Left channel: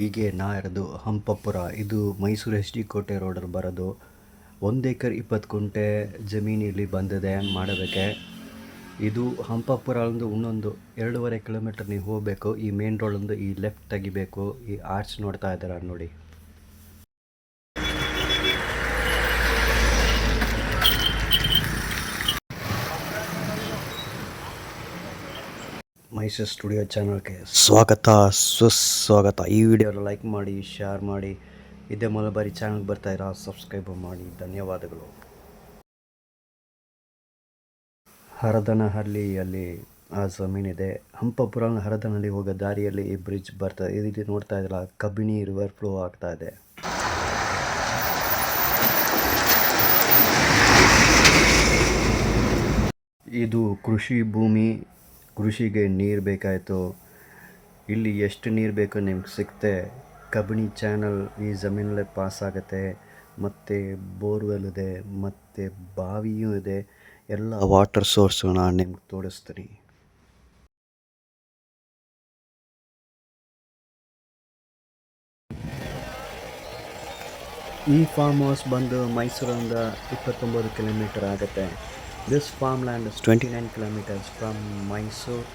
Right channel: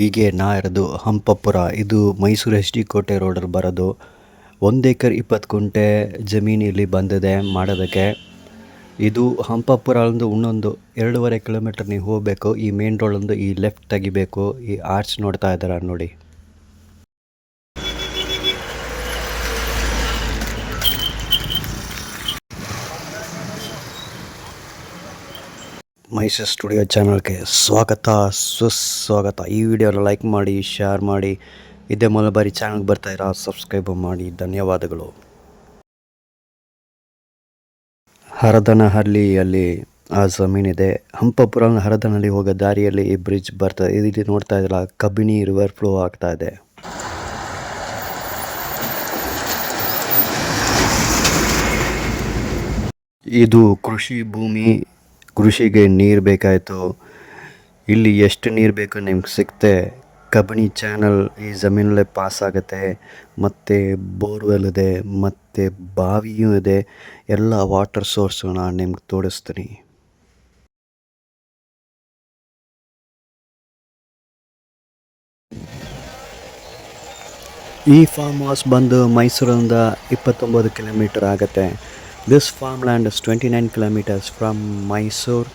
ಹೀಗೆ ನಾ ಇರೋದು ಹಂಪಪುರ. ಇದು ಮೈಸೂರು ಎಚ್ ಡಿ ಕೋಟೆ ರೋಡಲ್ಲಿ ಬರೋದು. 1 ಎಕರೆ 20 ಗುಂಟೆ ಜಮೀನು ಇಲ್ಲಿ ಬಂದಿದೆ ಮಾಡೋದಕ್ಕೆ. ಇದು ಹಂಪಪುರ ಇನ್ನೊಂದು 2.5 ಕಿಲೋಮೀಟರ್ ನೀವು ಹೋಗಬೇಕು. ಈ ಮೇನ್ ರೋಡೊಂದು ಈ ಲೆಫ್ಟ್ ತೆಗಿಬೇಕು. ಈ ಆರ್ಚ್ ನೋಡ್ತಾ ಇದ್ದೀರಾ ನೋಡಿ. ಮೈಸೂರು ಸ್ಟುಡಿಯೋ ಚಾನಲ್ಗೆ ಸ್ವಾಗತ ಸುಸ್ವಾಗತ. ಈ ವಿಡಿಯೋನ ಲೈಕ್ ಮಾಡಿ, ಶೇರ್ ಮಾಡಿ. ಇದೇ ಮೊದಲ ಬಾರಿ ಚಾನಲ್ಗೆ ಬರ್ತಾ ಇರೋ ಸಬ್ಸ್ಕ್ರೈಬ್ ಮಾಡಿ. ಧನ್ಯವಾದಗಳು. ಹರದನಹಳ್ಳಿಯಲ್ಲಿ ಆ ಜಮೀನಿದೆ. ಹಂಪಪುರ ಹರದನಹಳ್ಳಿ ಹೋಗೋ ದಾರಿಯಲ್ಲಿ ಈ ಬ್ರಿಡ್ಜ್ ಬರ್ತದೆ. ಇಲ್ಲಿ ನೋಡ್ತಾ ಇದ್ರಲ್ಲ, ಕಬಿನಿ ರಿವರ್ ಫ್ಲೋ ಆಗ್ತಾ ಇದೆ. ಇದು ಕೃಷಿ ಭೂಮಿ. ಕೃಷಿಗೆ ನೀರು ಬೇಕಾಯಿತು. ಇಲ್ಲಿ ಎಷ್ಟು ನೀರು ಬೇಕು ನಿಮ್ಗೆ ಸಿಗುತ್ತೆ. ಕಬಿನಿ ಚಾನಲ್ ಈ ಜಮೀನಲ್ಲೇ ಪಾಸ್ ಆಗುತ್ತೆ. ಮತ್ತು ಬೋರ್ವೆಲ್ ಇದೆ, ಮತ್ತು ಬಾವಿಯೂ ಇದೆ. ಎಲ್ಲ ವಾಟರ್ ಸೋರ್ಸು ನಾನು ನಿಮ್ಗೆ ತೋರಿಸ್ತೀನಿ. ಈ ಫಾರ್ಮ್ ಹೌಸ್ ಬಂದು ಮೈಸೂರಿಂದ 29 ಕಿಲೋಮೀಟರ್ ಆಗುತ್ತೆ. This farm land is 29 kilometres from Mysuru.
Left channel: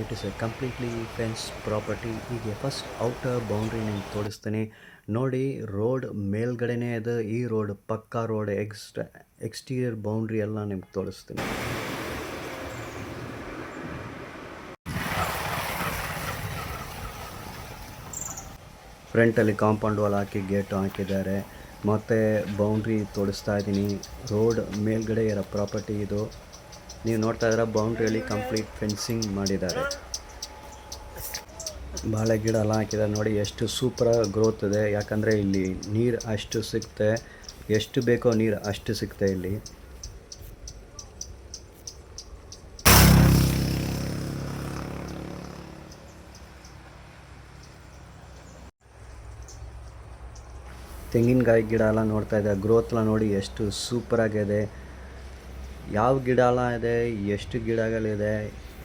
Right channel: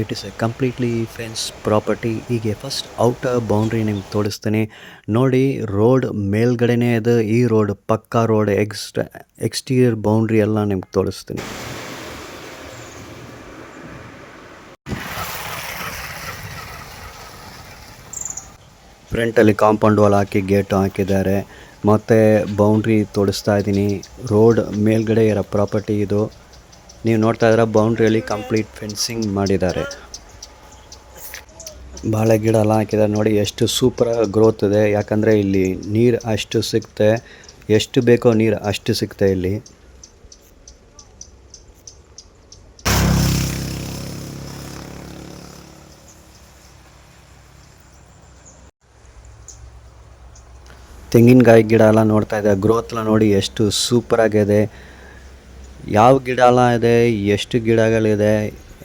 It is a completely fence property. ಹೀಗೆ ಫಸ್ಟ್ ಔಟರ್ ಬೌಂಡ್ರಿ ನಿಮ್ಗೆ ತೋರಿಸ್ತೀನಿ ನೋಡಿ. ರೋಡ್ ಮೇಲ್ಗಡೆನೇ ಇದೆ. ಈ ರೋಡ್ ಪಕ್ಕಾ ರೋಡ್. ಎಕ್ಸ್ಟೀರಿಯರ್ ಬೌಂಡ್ರಿ ಎಲ್ಲ ನಿಮ್ಗೆ ತೋರಿಸ್ತೀನಿ. ಫ್ರಂಟಲ್ಲಿ ಕಾಂಪೌಂಡ್ ವಾಲ್ ಹಾಕಿ ಗೇಟು ಹಾಕಿದ್ದಾರೆ. ಮತ್ತು ಬೌಂಡ್ರಿ ತೋರಿಸ್ತಾ ಇದ್ದೀನಿ. ರೋಡ್ ಮೇಲ್ಗಡೆ ಇರೋ ಪ್ರಾಪರ್ಟಿ ಇದು. ನೀವು ನೋಡ್ತಾ ಇದ್ದೀರ ಬೌಂಡ್ರಿಯಲ್ಲಿ ಕಂಪ್ಲೀಟ್ ಫೆನ್ಸಿಂಗ್ ಮಾಡಿದ್ದಾರೆ. ಬಾಳೆ ಗಿಡ ಎಲ್ಲ ಹಾಕಿದ್ದಾರೆ ನೋಡಿ. ಎಷ್ಟು ಸೂಪರಾಗಿ ಗ್ರೋತ್ ಇದೆ. ಯಾಕಂದರೆ ಇಲ್ಲಿ ನೀರು ಅಷ್ಟು ಸಿಗುತ್ತೆ. ಎಷ್ಟು ಬೇಕೋ ನೀರು ಅಷ್ಟು ಸಿಗುತ್ತೆ ಇಲ್ಲಿ. ತೆಂಗಿನಕಾಯಿ ಗಿಡ ಎಲ್ಲ ನೋಡ್ತಾ ಇದೆ. ಗ್ರೋತ್ ಎಲ್ಲ ನೋಡಿ ಎಷ್ಟು ಸೂಪರಾಗಿದೆ. ಯಾವ ಗಿಡ ಎಲ್ಲ ಇದೆ, ಎಷ್ಟು ಗಿಡಗಳಿದೆ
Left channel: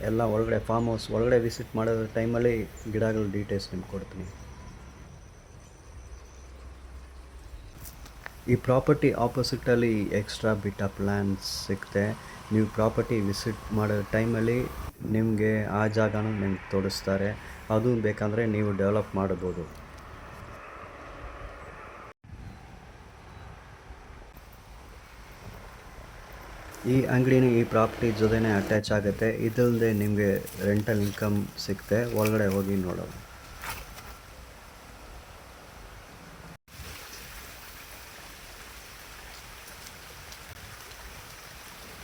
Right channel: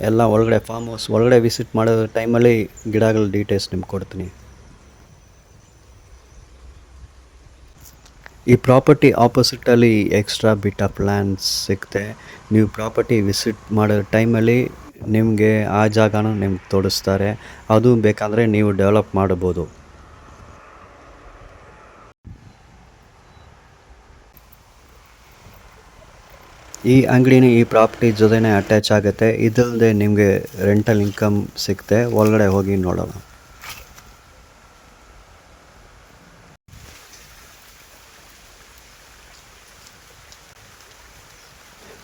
ಎಲ್ಲ ಒಳಗಡೆ ಫಾರ್ಮ್ ಹೌಸ್ ಒಳಗಡೆ ವಿಸಿಟ್ ಮಾಡೋ ಟೈಮಲ್ಲಿ ಗಿಡಗಳ ಡೀಟೇಲ್ಸ್ ನಿಮ್ಗೆ ಕೊಡ್ತೀನಿ. ಈ ಪ್ರಾಪರ್ಟಿ ಆಪೋಸಿಟಲ್ಲಿ ಎಕ್ಸ್ಟ್ರಾ ಬಿಟ್ ಆಫ್ ಲ್ಯಾಂಡ್ಸ್ ಸಿಗುತ್ತೆ. ನೀವು ಪ್ರಾಪರ್ಟಿ ವಿಸಿಟ್ ಮಾಡೋ ಟೈಮಲ್ಲಿ ನಿಮಗೆ ಆ ಜಾಗನೂ ನಿಮ್ಗೆ ತೋರಿಸ್ತಾರೆ. ಅದು ಬೇಕಾದರೆ ನೀವು ಡೆವಲಪ್ ಮಾಡ್ಬೋದು. ಈ ಅಂಗಡಿನ ಈ ಪ್ರಾಪರ್ಟಿ ಜೊತೆನೇ ಅಟ್ಯಾಚ್ ಆಗುತ್ತೆ. ಇದಲ್ಲದೆ ನಿಮಗೆ ರೆಂಟಲ್ ಇನ್ಕಮ್ ಸಿಗುತ್ತೆ. ಒಳಗಡೆ ಹೋಗಿ ನೋಡೋಣ.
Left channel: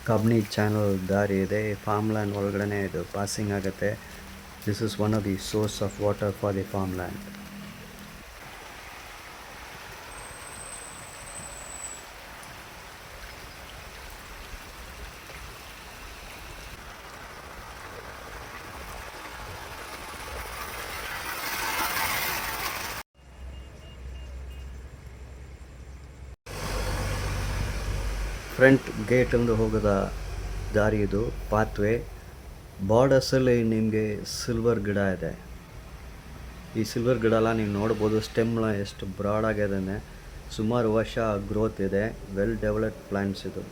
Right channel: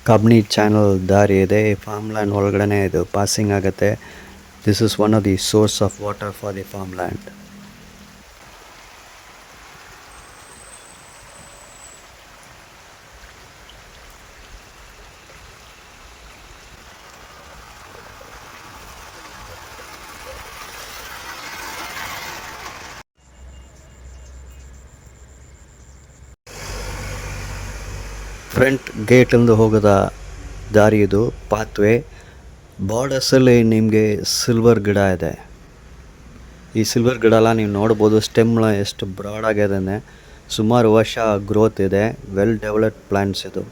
ಕಬಿನಿ ಚಾನಲ್ ದಾರಿ ಇದೆ. ಈ ಫಾರ್ಮ್ ಲ್ಯಾಂಡ್ ಒಳಗಡೆ ಇದು ಪಾಸಿಂಗ್ ಆಗುತ್ತೆ. This is one of the source of water for the farm land. Front ಗೇಟಿಂದ ಹೋಗೋದ ದಾರಿ ಇದು, ಪಾತ್ವೇ. ಬಾರ್ಡರ್ಸಲ್ಲಿ ನಿಮಗೆ ಸಿಲ್ವರ್ ಗಿಡ ಇದೆ. ಈ ಸಿಲ್ವರ್ ಗಿಡ ಎಲ್ಲ ನೀವು ನೋಡ್ಬೋದು. ಸ್ಟೆಮ್ನ ಎಷ್ಟು ಬ್ರಾಡ್ ಆಗಿದೆ. ಸುಮಾರು ವರ್ಷ ಗ್ರೋತ್ ಇದೆ. ವೆಲ್ ಡೆವಲಪ್ಡ್ ಪ್ಲಾಂಟ್ಸ್ ಇದು.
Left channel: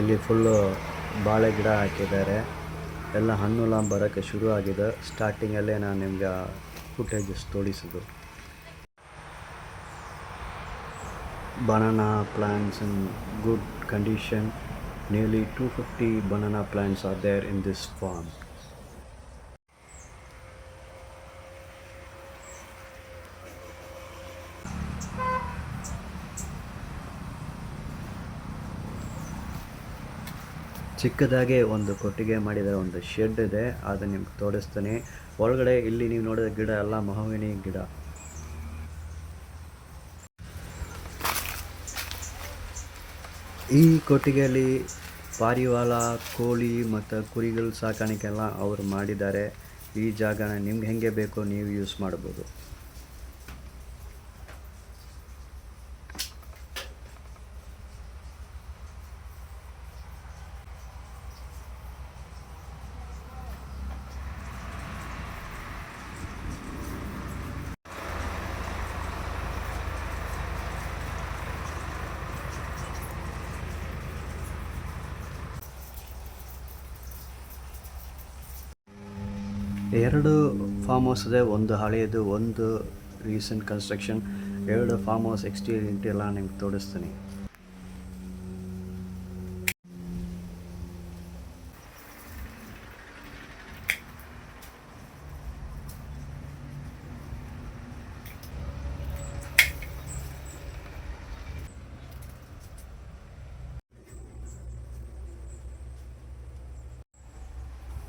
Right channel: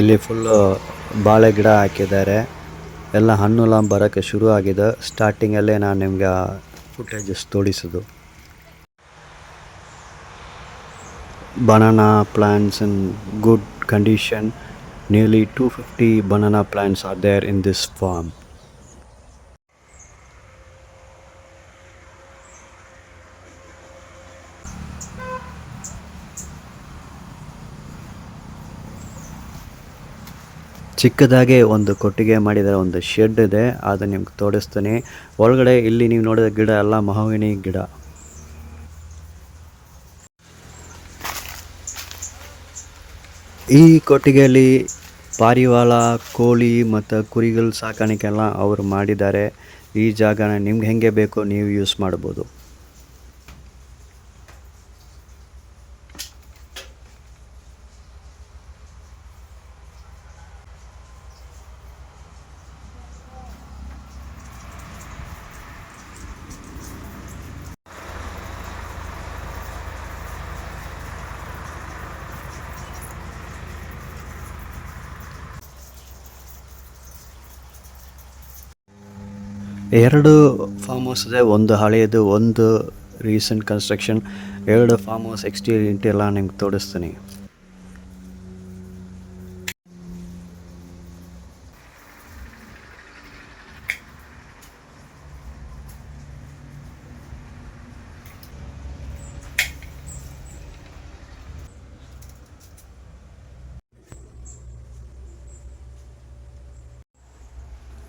ಇಲ್ಲಿ ಫುಲ್ಲು ಬಾಳೆ ಗಿಡ ಹಾಕಿದ್ದಾರೆ. ಎಲ್ಲ ಹಣ್ಣೆಲ್ಲ ಬರೋಕ್ಕೆ ಶುರು ಆಗಿದೆ. ಸ್ಟಾರ್ಟಿಂಗಲ್ಲೇ ನಾನು ನಿಮಗೆ ಫುಟೇಜಸ್ ತೋರಿಸೋದು. Banana plants in good condition. Nearly 250 banana plants are there in this farm. ಚಿಕ್ಕದಾಗೆ ಒಂದು ಕೊಟ್ಟಿಗೆ ಮಾಡಿದರೆ, ಒಂದು ಶೆಡ್ ಇದೆ. ಅದು ನಿಮ್ಗೆ ತೋರಿಸ್ತೀನಿ. ಒಳಗಡೆ ಇಲ್ಲಿ ನೀವು ನೋಡಿದ ಗಿಡ ಎಲ್ಲ ಮಹಾಗನಿ ಗಿಡ. ಈ ಕೊಟ್ಟಿಗೆಯಲ್ಲಿ ಪಾರಿವಾಳ, ಕೋಳಿ ಮತ್ತು ಕುರಿಗಳ ಸಾಕಾಣಿಕೆ ಎಲ್ಲ ಅವರು ಮಾಡಿದ್ದಾರೆ. ಈ ಜಾಗನ ನಿಮ್ಗೆ ಹೆಂಗೆ ಬೇಕೋ ನೀವು ಯೂಸ್ ಮಾಡ್ಬೋದು. ಎರಡು ಫಾರ್ಮ್ ಹೌಸ್ ಇದೆ, ಒಂದು ಹಳೆಯದು, ಒಂದು ರೀಸೆಂಟ್ ಕನ್ಸ್ಟ್ರಕ್ಷನ್. ಎರಡು ಫಾರ್ಮ್ ಹೌಸ್ ಎಕ್ಸ್ಟೀರಿಯರ್ ಇಂಟೀರಿಯರ್ ಎಲ್ಲ ನಿಮ್ಗೆ ತೋರಿಸ್ತೀನಿ.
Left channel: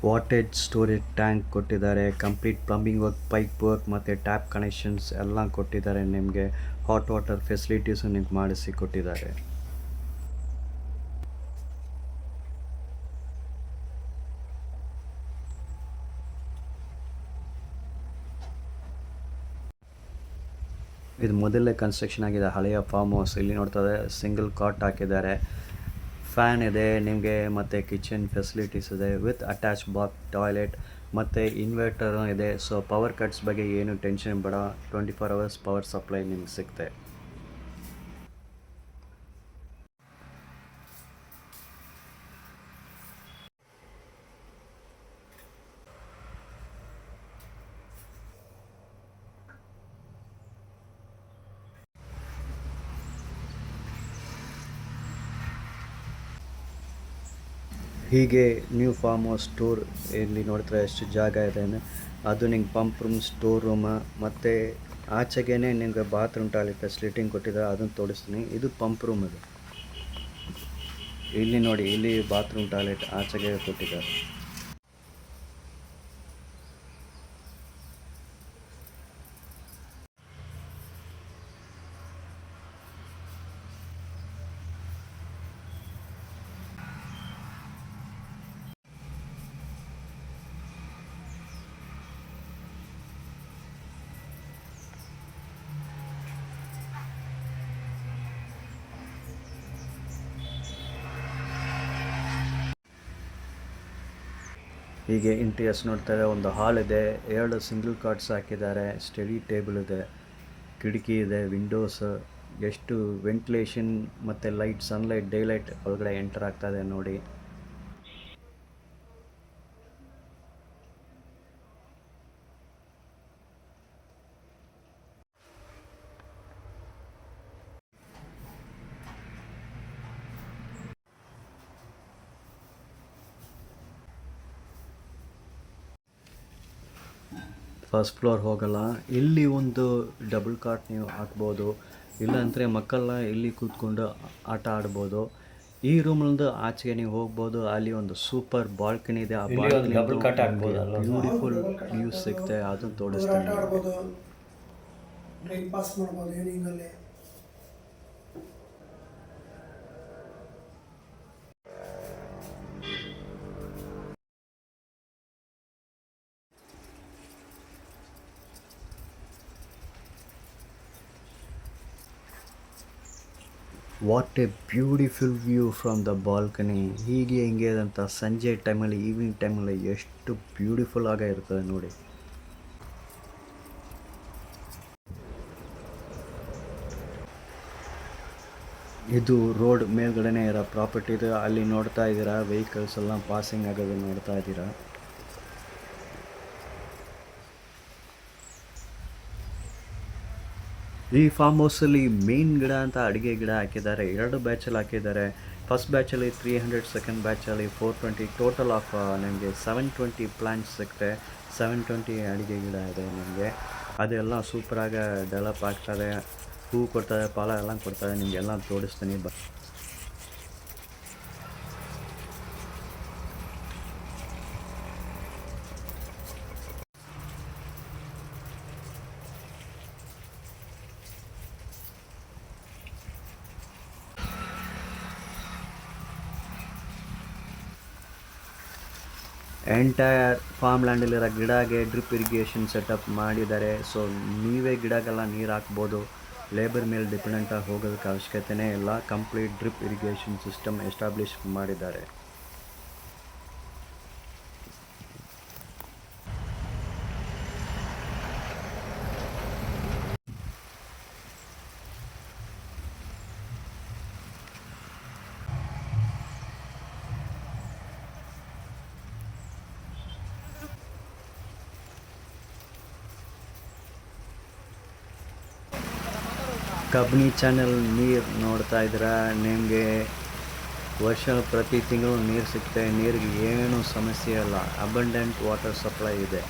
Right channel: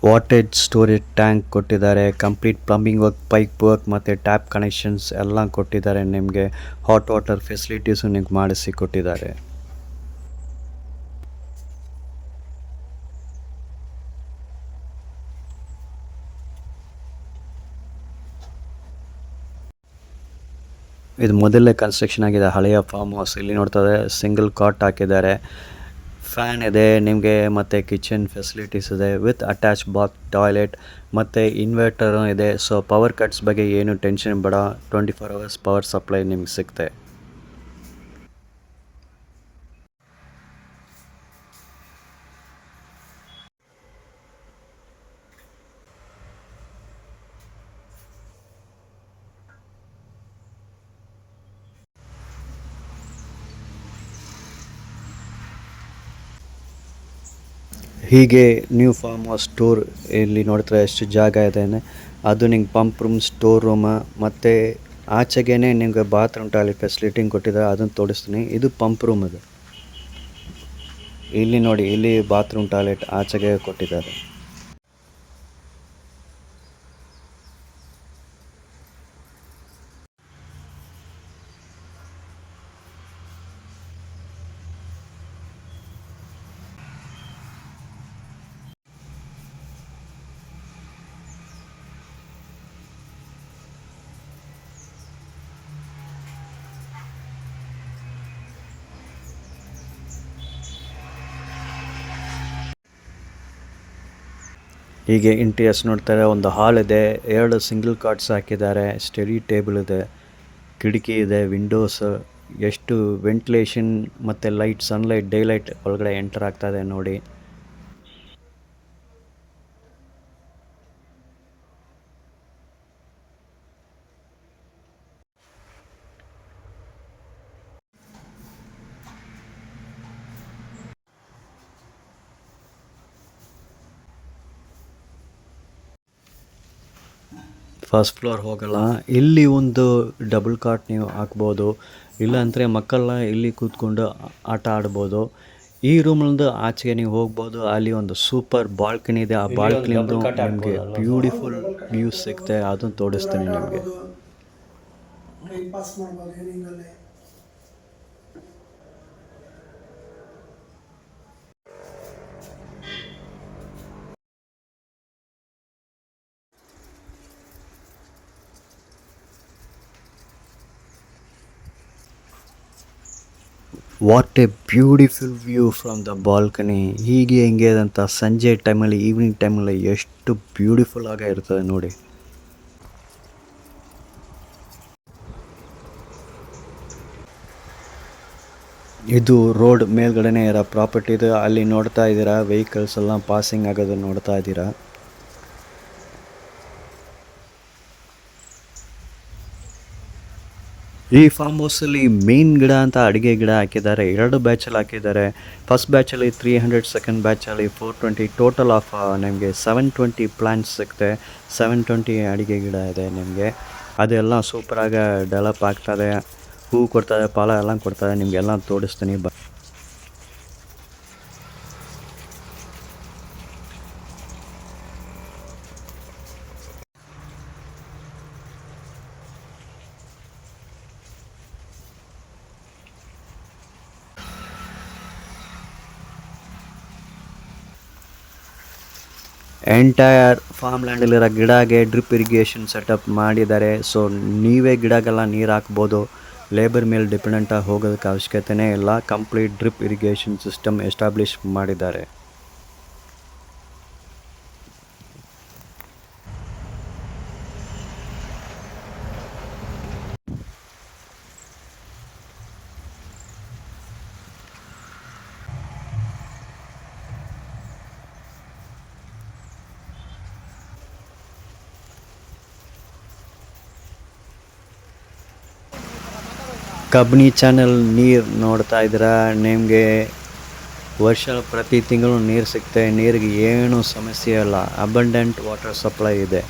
ವಾಟೇಜ್ ಸ್ಟೋರೇಜ್ ಟ್ಯಾಂಕ್ ಕೊಟ್ಟಿದ್ದಾರೆ, complete plumbing work, pipe work ಮತ್ತು ಟ್ಯಾಪ್ ಕನೆಕ್ಷನ್ಸ್ ಎಲ್ಲ ಕೊಟ್ಟಿದ್ದಾರೆ. ನಿಮಗೆ ಹಾಟ್ ವಾಟರ್ ಫೆಸಿಲಿಟೀಸು ನಿಮ್ಗೆ ಮಾಡಿಸಿ ಕೊಟ್ಟಿದ್ದಾರೆ. ಇದು ಮೊದಲೇ ಕನ್ಸ್ಟ್ರಕ್ಷನ್ ಆಗಿದೆ ಹಳೆಯ ಫಾರ್ಮ್ ಹೌಸ್. ಇಲ್ಲಿ ನೋಡ್ತಾರೆ ಸಿಂಗಲ್ ಕಾಟ್ ಹಾಕಿದ್ದಾರೆ, ಫ್ಯಾನ್ ಇದೆ ನಿಮಗೆ, ಮತ್ತು ಕಿಚನ್ ಫೆಸಿಲಿಟೀಸ್ ಇದೆ ವಿತ್ ಅಟ್ಯಾಚ್ ಬಾತ್, ಟಾಯ್ಲೆಟ್ ಮತ್ತು ಇನ್ವರ್ಟರ್ ಇದೆ. ಸೊ ಪವರ್ ಕಟ್ಸ್ ಬಗ್ಗೆ ಏನು ಟೆನ್ಷನ್ ಬೇಡ, 24 hours ಪವರ್ ಸಪ್ಲೈ ನಿಮ್ಗೆ ಸಿಗುತ್ತೆ. ಹೀಗೆ ನ್ಯೂ ಫಾರ್ಮ್ ಹೌಸ್ ಟೂರ್ ಇಲ್ಲಿ ನೋಡ್ತಾರೆ ಎಷ್ಟು ಜಾಗ ಇದೆ. ಅದು ನಿಂಗೆ ಪಂಪ್ ರೂಮ್, ಸ್ಟೋರ್ ರೂಮ್ ಮತ್ತು ಆಚೆಗೇ ನಿಮಗೆ ಬಾತ್ರೂಮ್ ಟಾಯ್ಲೆಟ್ ಫೆಸಿಲಿಟಿ ಕೊಟ್ಟಿದ್ದಾರೆ, ಅದನ್ನು ತೋರಿಸ್ತೀನಿ. ಇದು ಪಂಪ್ ರೂಮ್ ಇದೆ, ಇಲ್ಲಿ ನೋಡಿ, ಇಲ್ಲಿ ಬಾತ್ರೂಮ್ ಟಾಯ್ಲೆಟ್ ಆಚೆಗೆ ಕೊಟ್ಟಿದ್ದಾರೆ. ಹೀಗೆ ಇಂಟೀರಿಯರ್ಸ್ ನೋಡ್ತಾರೆ. ಒಂದು ಹಾಲ್ ಇದೆ, 2 ಸಿಂಗಲ್ ಕಾಟ್ಸ್ ಹಾಕಿದ್ದಾರೆ, ಸ್ಟಡಿ ಟೇಬಲ್ ಇದೆ, ಕಿಟಕಿ ಇದೆ, ವಿಂಡೋಸ್, ಎಷ್ಟು ವೆಂಟಿಲೇಷನ್ ಮತ್ತು ಲೈಟ್, ಸನ್ಲೈಟ್, ಡೇಲೈಟ್ ಒಳಗಡೆ ಎಂಟರ್ ಆಗ್ತಾ ಇದೆ ನೋಡಿ. ಫಸ್ಟ್ ಫ್ಲೋರ್ ಹೋಗಲ್ಲ, ಇಲ್ಲಿ ಒಂದು ಡಬಲ್ ಕಾಟ್ ನೀವು ಹಾಕ್ಬೋದು, ಇಲ್ಲಾಂದರೆ ಮಕ್ಕಳನ್ನ ಇಲ್ಲಿ ಕೂತ್ಕೊಂಡು ಆಟ ಆಡ್ಬೋದು. ಈ ರೂಮ್ನಿಂದ ಆಚೆಗೆ ನೀವು ಹೋಗ್ಬೋದು, ಅಲ್ಲಿ ಒಂದು ಸೂಪರ್ ಬಾಲ್ಕನಿ ಇದೆ. ಆ ಬಾಲ್ಕನಿಂದ ನಿಮಗೆ ಬ್ಯೂಟಿಫುಲ್ ವ್ಯೂಸ್ ಸಿಗುತ್ತೆ, ಅದನ್ನು ತೋರಿಸ್ತೀನಿ ನಿಮಗೆ. What A beautiful view from the balcony. ಹೀಗೆ ಹೆಂಗೆ ಅಂತ ಸಂಜೆ ಟೈಮಲ್ಲಿ, ಈವ್ನಿಂಗ್ ಟೈಮಲ್ಲಿ ಎಷ್ಟು ಬ್ಯೂಟಿಫುಲ್ ಆಗಿ ಇರ್ತದೆ ನೋಡಿ. ಇದು ರೋಡ್ ಮೇಲ್ಗಡೆನೇ ಇರೋ ಪ್ರಾಪರ್ಟಿ ಇದೆ. ಅಲ್ಲಿ ನೋಡ್ತಾ ಇದ್ದೀರಾ ವೆಹಿಕಲ್ಸ್ ಎಲ್ಲ ಪಾಸಿಂಗ್ ಆಗೋದು ನೋಡ್ತಾ ಇದ್ದೀರಾ. ಈ ಫಾರ್ಮ್ ಹೌಸಲ್ಲಿ ಮೇನ್ ಗಿಡ ಅಂತ ಅಡುಗೆ ಗಿಡ ಹಾಕಿದ್ದಾರೆ, 2 ಬ್ಯಾಚಲ್ಲಿ ಹಾಕಿದ್ದಾರೆ. ಫಸ್ಟ್ ಬ್ಯಾಚಲ್ಲಿ 300, ಸೆಕೆಂಡ್ ಬ್ಯಾಚಲ್ಲಿ 420, ಟೋಟಲ್ ಆಫ್ ನಿಮಗೆ 720 ಪ್ಲಾಂಟ್ಸ್ ಸಿಗುತ್ತೆ. 720 ಅಡುಗೆ ಗಿಡ ಇದೆ ನಿಮಗೆ. ಅದೆಲ್ಲ ಸೂಪರಾಗಿ ಡೆವಲಪ್ ಆಗ್ತದೆ, ಹೂ ಕೊಡ್ತಾರೆ, ಫಲ ಎಲ್ಲ ಕೊಡ್ತಾರೆ. ನಿಮಗೆಲ್ಲ ತೋರಿಸ್ತೀನಿ ಬಾ. ಎಂಟೈರ್ ಫಾರ್ಮ್ ಲ್ಯಾಂಡಲ್ಲಿರೋ ಗಿಡಗೆ ಡ್ರಿಪ್ ಇರಿಗೇಷನ್ ಸೆಟಪ್ ಮಾಡಿದ್ದಾರೆ. ಸೊ ನೀವೇ ಗಿಡಗೆಲ್ಲ ನೀರು ಹಾಕ್ಬೋದು. ಲೇಬರ್ ಮೇಲೆ ಡಿಪೆಂಡೆಂಟಾಗಿ ಹೋಗೋದಕ್ಕೆ ಅವಶ್ಯಕತೆಯೇ ಇಲ್ಲ. Complete drip irrigation system establish ಮಾಡಿದ್ದಾರೆ. ಕಬ್ನಿ ಚಾನಲ್ ನೀರು ನೋಡ್ತಾ ಇದ್ದೀರಾ. ನಿಮಗೆ ಪ್ರತಿ ತಿಂಗಳು ನೀರು ಸಿಗ್ತದೆ. ನೀರಿಗೆ ಏನೂ ಸಮಸ್ಯೆ ಇಲ್ಲ. ಅಬಂಡೆಂಟ್ ವಾಟರ್ ಸಪ್ಲೈ ಇದೆ.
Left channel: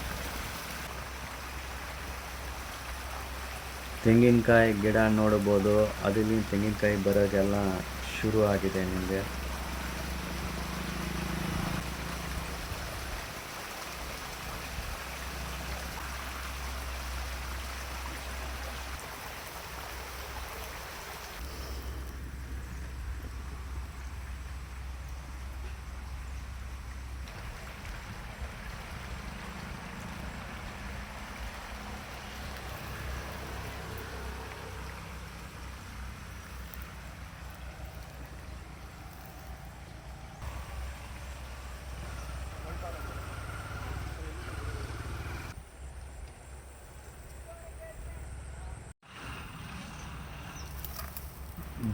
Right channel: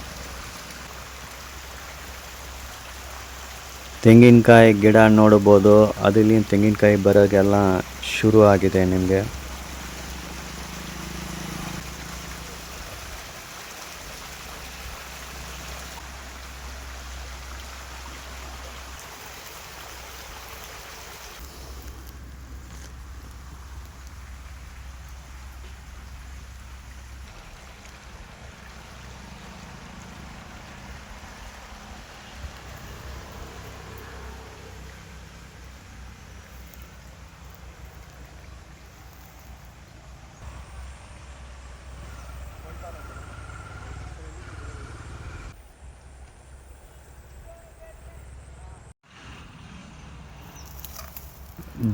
ತೆಂಗಿನಕಾಯಿ ಗಿಡ ನೋಡ್ಬೋದು. ಅದಲ್ಲಿ ತೆಂಗಿನಕಾಯಿ ಬರೋಕ್ಕೆಲ್ಲ ಶುರು ಆಗಿದೆ ನಿಮಗೆ.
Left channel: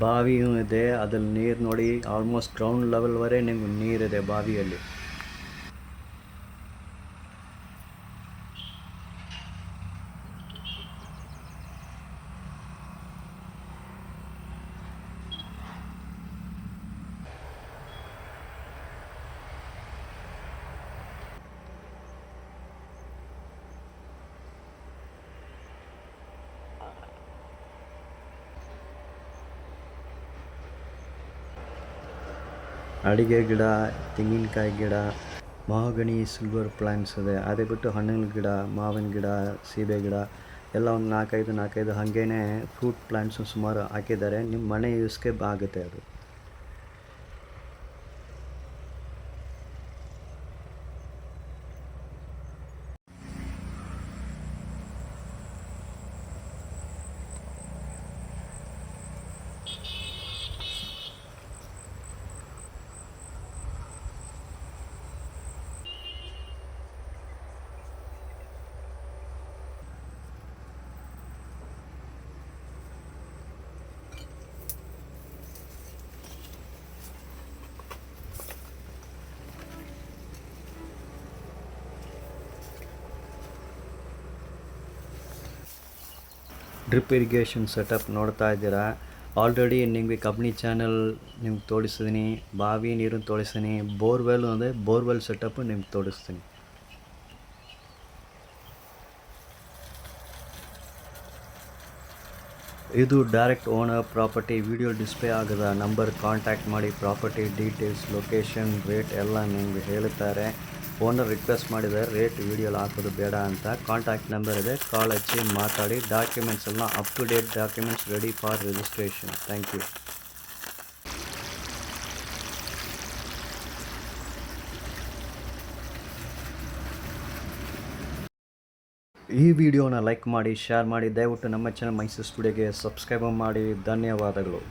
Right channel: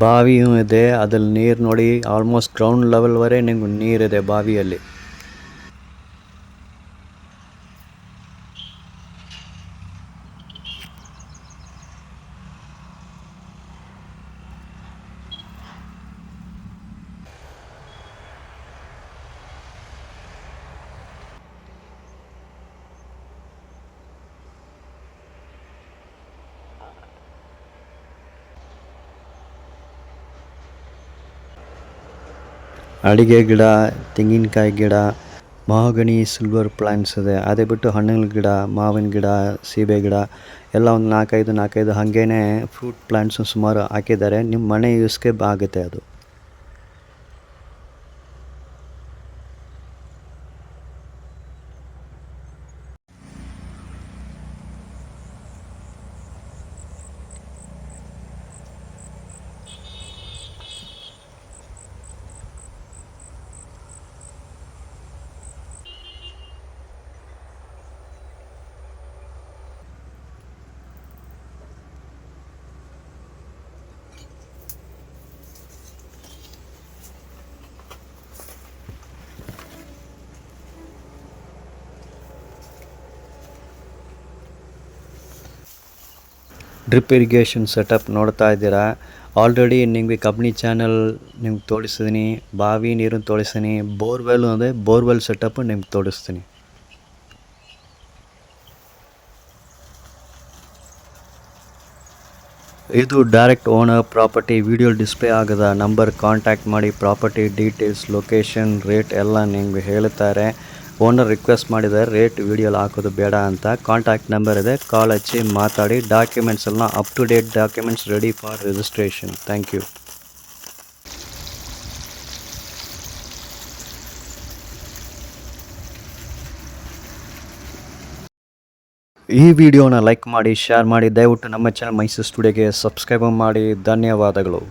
ಬಾವಿಯೂ ಇದೆ. ಅದ್ರಲ್ಲಿ ನೀರು ನೋಡಿ, ಆಲ್ಮೋಸ್ಟ್ ಗ್ರೌಂಡ್ ಲೆವೆಲ್ವರೆಗೆ ನಿಮ್ಗೆ ನೀರಿದೆ ಬಾವಿಯಲ್ಲಿ. ಅಡಿಕೆ ಗಿಡ, ತೆಂಗಿನಕಾಯಿ ಗಿಡ, ಮಹಾಗಣಿ ಸಿಲ್ವರ್ ಪ್ಲ್ಯಾಂಟ್ಸ್ ಇದೆ. ಅದೇ ಬಿಟ್ಟು ಹಣ್ಣಿನ ಗಿಡ, ಮಾವಿನ ಗಿಡ, ಸೀಬೆ ಗಿಡ ಎಲ್ಲ ಒಂದು ನಾಲ್ಕೈದು ಹಾಗೇ ಫ್ರೂಟ್ ಪ್ಲ್ಯಾಂಟ್ಸು ಸುಮಾರು ಹಾಕಿದ್ದಾರೆ. ನಿಮ್ಮ ಮನೆ ಯೂಸ್ಗೆ ಆಗುತ್ತೆ ಅದು. ಡ್ರಿಪ್ ಇರಿಗೇಷನ್ ಸೆಟಪ್ ನೋಡ್ತಾ ಇದ್ದೀರಾ. ಆಲ್ರೆಡಿ ನಿಮಗೆ ಕಬ್ನಿ ಚಾನಲ್ ನಿಮ್ಗೆ ತೋರಿಸಿದ್ದೀನಿ, ಬಾವಿ ನೀರನ್ನು ತೋರಿಸ್ತೀನಿ, ಬೋರ್ವೆಲ್ ಅಂದರೆ ಬೋರ್ವೆಲ್ ಸೆಟಪ್ಪು ನಿಮ್ಗೆ ತೋರಿಸ್ತೀನಿ. ಇದು direct owner property. Video display ಆಗದ ನಂಬರ್ ಕಾಂಟ್ಯಾಕ್ಟ್ ಮಾಡಿ. ಪ್ರಾಪರ್ಟಿ ಡೀಟೇಲ್ಸ್, ಲೊಕೇಶನ್, ರೇಟ್ ಎಲ್ಲ ನಿಮಗೆ ಹೇಳ್ತಾರೆ. ಓನರ್ ರಿಕ್ವೆಸ್ಟ್ ಮಾಡಿದ್ದಾರೆ ರೇಟ್ ವಿಡಿಯೋಲಿ ಹಾಕೋದು ಬೇಡ ಅಂತ. ಕಾಂಟ್ಯಾಕ್ಟ್ ನಂಬರ್ ಇದೆ, ಕಾಲ್ ಹಚ್ಚಿ ಮಾತಾಡಿ. ಡಾಕ್ಯುಮೆಂಟ್ಸ್ ಎಲ್ಲ up to date documents ready for registration. Thank you. ಈ ವಿಡಿಯೋನ ಲೈಕ್ ಮಾಡಿ, ಶೇರ್ ಮಾಡಿ. ದಯವಿಟ್ಟು ನಮ್ಮ ಚಾನಲ್ ಮೈಸೂರು ಸ್ಟುಡಿಯೋಗೆ ಸಬ್ಸ್ಕ್ರೈಬ್ ಮಾಡಿ. ಧನ್ಯವಾದಗಳು.